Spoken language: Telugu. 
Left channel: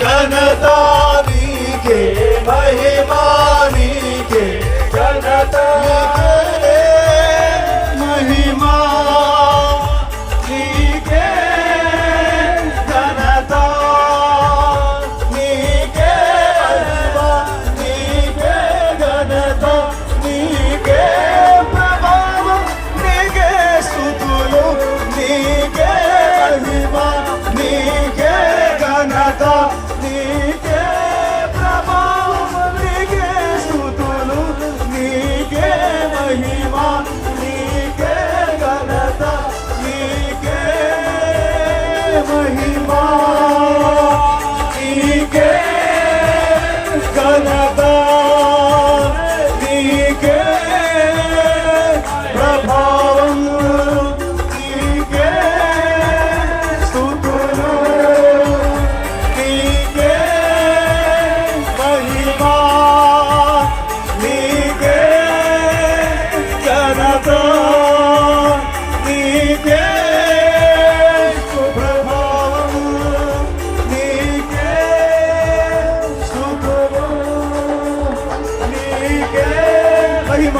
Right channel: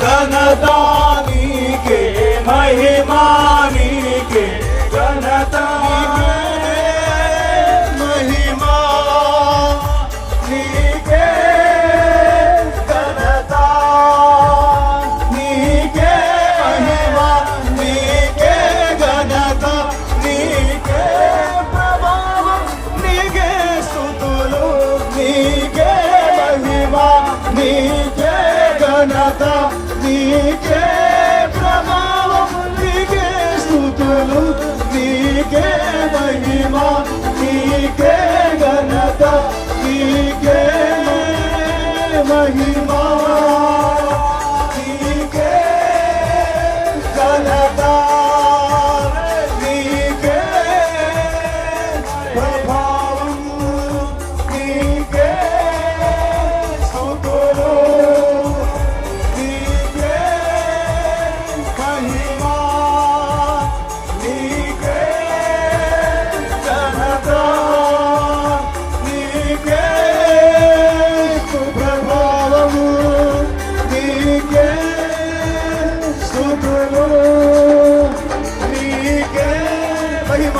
ఘనత నీకే, మహిమా నీకే, ఘనత నీకే, మహిమా నీకే, ఘనత నీకే, మహిమా నీకే, ఘనత నీకే, ప్రభావం నీకే, స్తుతులు నీకే, మహిమా నీకే, ఘనత నీకే, ప్రభావం నీకే, స్తుతులు నీకే, మహిమా నీకే, ఘనత నీకే, మహిమా నీకే, ఘనత నీకే, ప్రభావం నీకే, స్తుతులు నీకే, మహిమా నీకే, ఘనత నీకే, ప్రభావము నీకే, స్తుతులు నీకే, మహిమ